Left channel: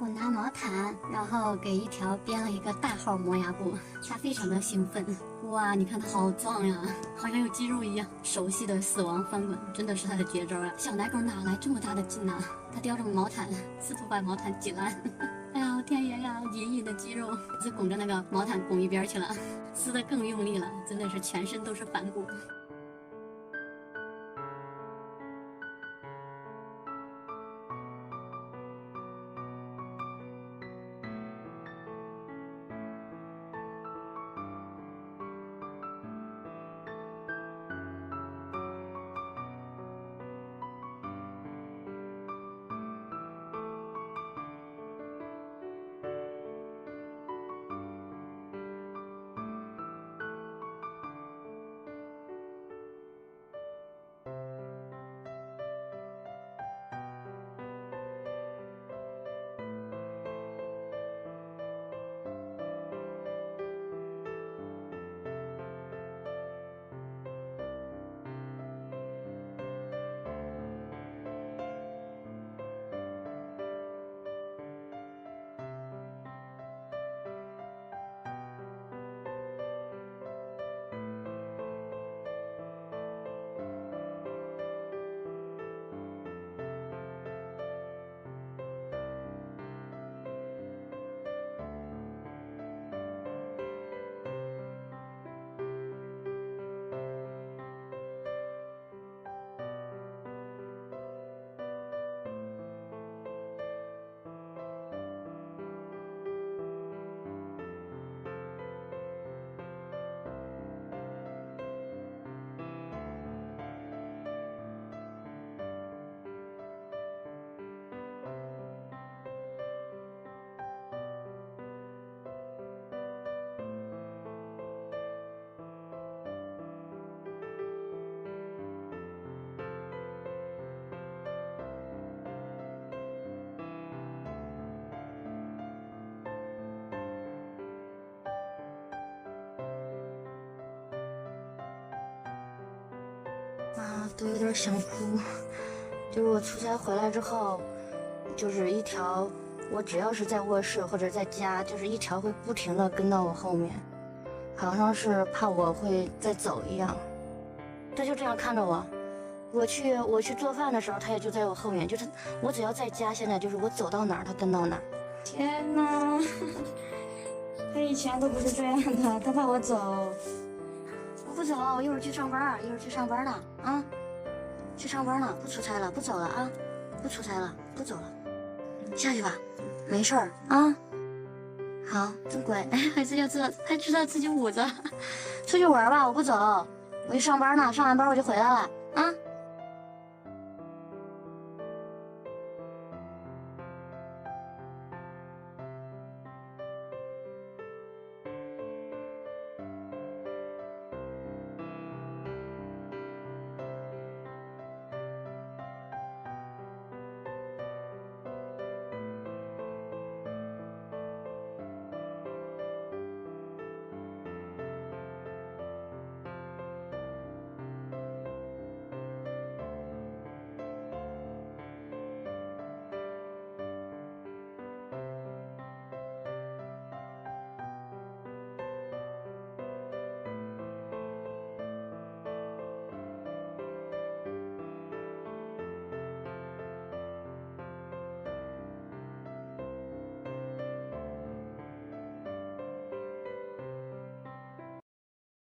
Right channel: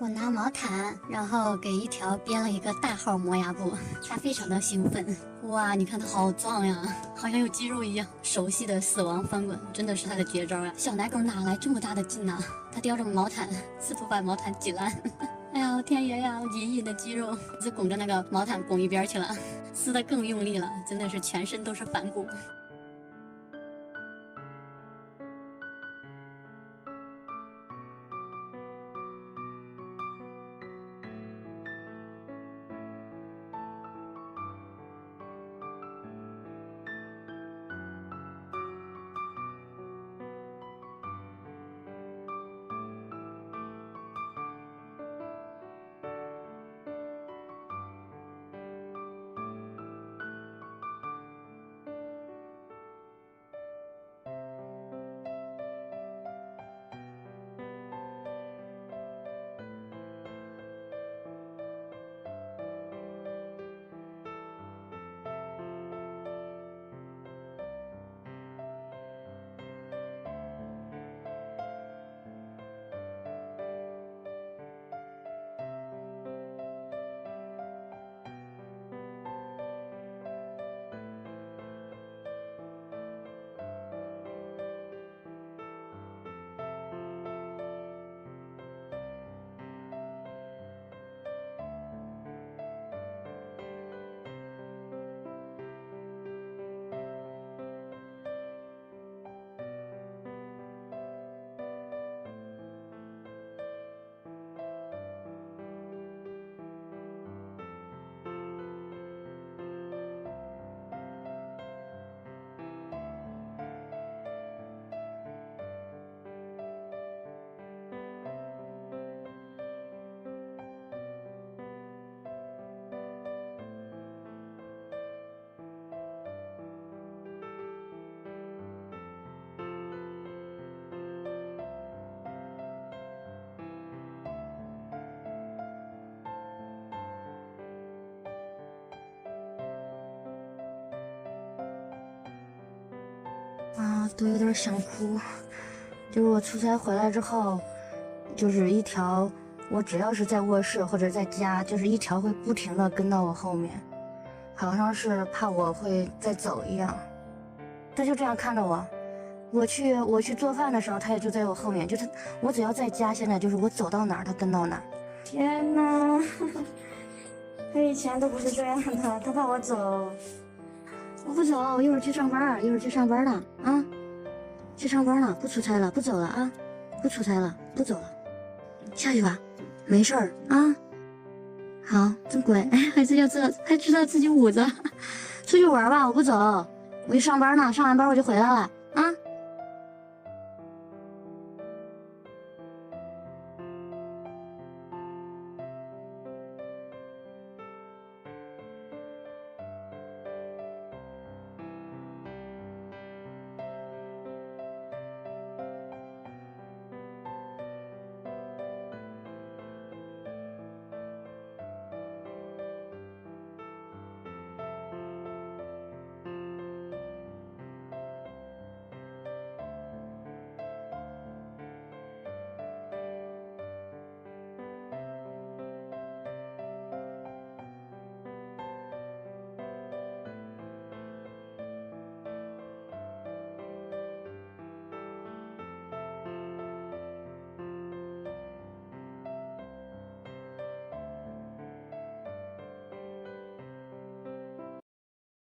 我拿毛毯，然后给一条编了一个大号磨牙布，它非常的兴奋。哇，你看它好壮呀，好像有肌肉一样。熟悉的死亡翻滚真的是它的绝招啊！小奶狗哪来这么大的劲呢？它叼着毛毯，试图把毛毯挤烂。哎呀，天爷呀，隐隐的肌肉，这拱着那个毛毯拱一边去了，撕得更用力了，真的是全身都是反骨。都有点想哭。就是我出差回来之后，就是一条，我只要是在卧室或者在家，就是一条会不停的跟到我后面，好像是怕我会再走一样。他就这样看着我，我去做饭的时候，他也就在我后面，就是我只要在家，现在就是我走到哪儿，他跟到哪儿。天哪，他以前都不是这样的，他怕我走。我不走，我一会儿去上班，一会儿去上班了啊，去上班了，不出差了，不走了啊，不出差了，不走了，下去吧，没事儿啊。好，真乖，哎，还知道自己捂着，出去玩吧，我不走，我去上班呢，上完班我就回来了。